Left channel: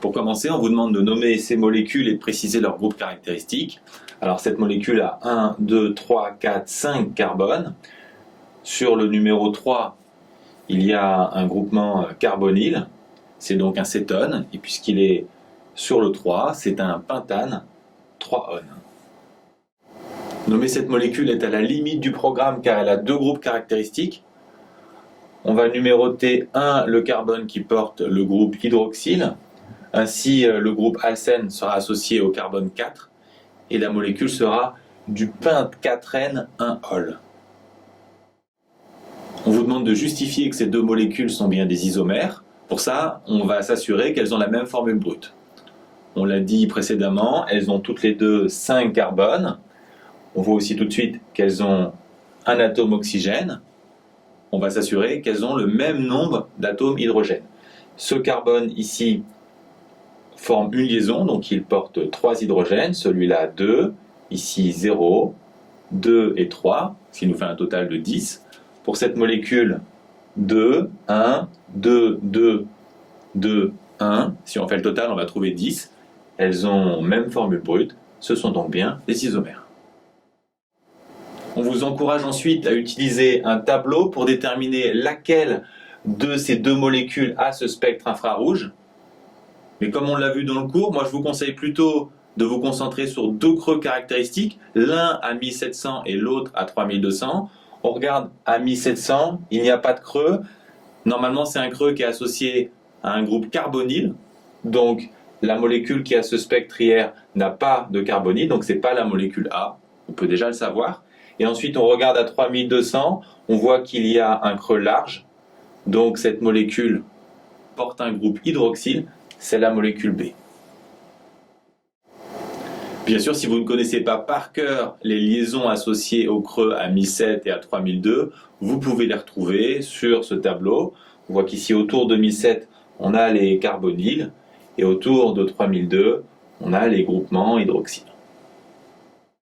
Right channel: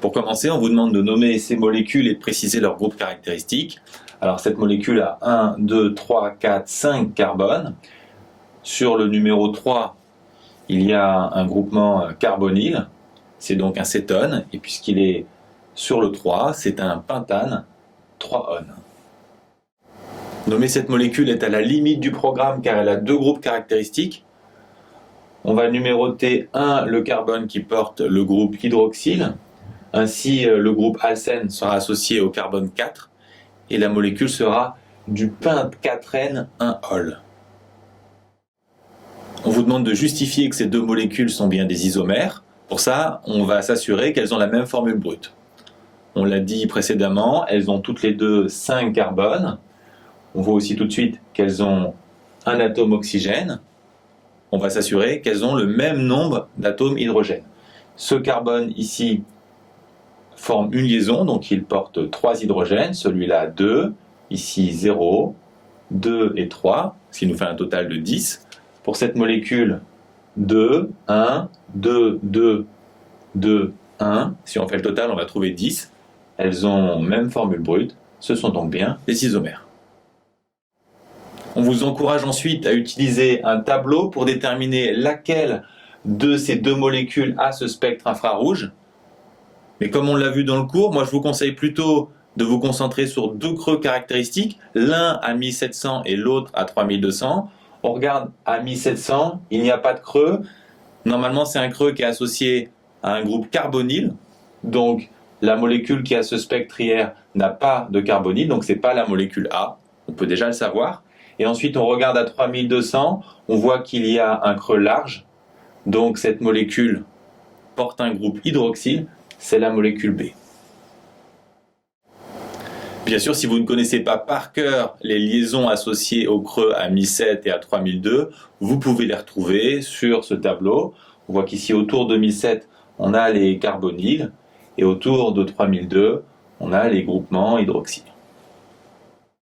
Pour commencer, on vous demande de nommer ces molécules et de préciser leur groupe caractéristique. Alors cette molécule a 1, 2, 3, 4, 5 carbones. Sur le numéro 3, il y a un groupement carbonyle, c'est donc un cétone, et puisqu'il est sur le 3, c'est un pentane 3-one. Nommer cette molécule est à la limite du programme car elle a deux groupes caractéristiques. On va numéroter 1 le carbone qui porte le groupe hydroxyle. Ainsi, le groupe alcène sera associé au carbone 4 et la molécule sera du pent4N 1-ol. On vous demande de justifier que ces deux molécules sont bien des isomères. Pour ça, on va s'assurer qu'elles ont la même formule brute. On l'a dit précédemment, elles ont toutes les deux 5 carbones. On voit aussi tout de suite qu'elles ont un atome oxygène. On va s'assurer qu'elles ont le même nombre d'atomes hydrogène. Ce carbone ici forme une liaison, donc il porte 3 hydrogènes, celui-là 2, ici 0, 2 et 3, ce qui nous fait un total de 10. Pour cette molécule, 2, 1, 2, 2, 2, 1. Si on fait le total, on va trouver 10. Elles ont même formule brute, ce sont donc bien des isomères. On vous encourage ensuite à utiliser un tableau pour déterminer laquelle de ces deux molécules a ce spectre infrarouge. Mais comme on l'a vu dans le cours, moi je vous conseille plutôt de vous concentrer sur deux creux caractéristiques, l'un à 1700 et l'autre à 3200. On regarde à 1700, il n'y a pas de creux. Normalement, c'est un creux qui est associé à un groupe carbonyle. Donc, la molécule qui a ce spectre IR n'a pas de carbonyle, donc ce n'est pas la molécule A. On peut déjà le savoir. Et ensuite, on regarde à 3200, on voit qu'il y a un creux large. Donc, cette molécule porte un groupe hydroxyle, c'est la molécule B. Bien sûr, si vous ne connaissez pas par cœur les liaisons associées au creux à 1007 et à 3002, vous pouvez les retrouver sur ce tableau. On voit qu'ici, autour de 1007, on a les carbonyles, et autour de 3002, on a les groupements hydroxyles.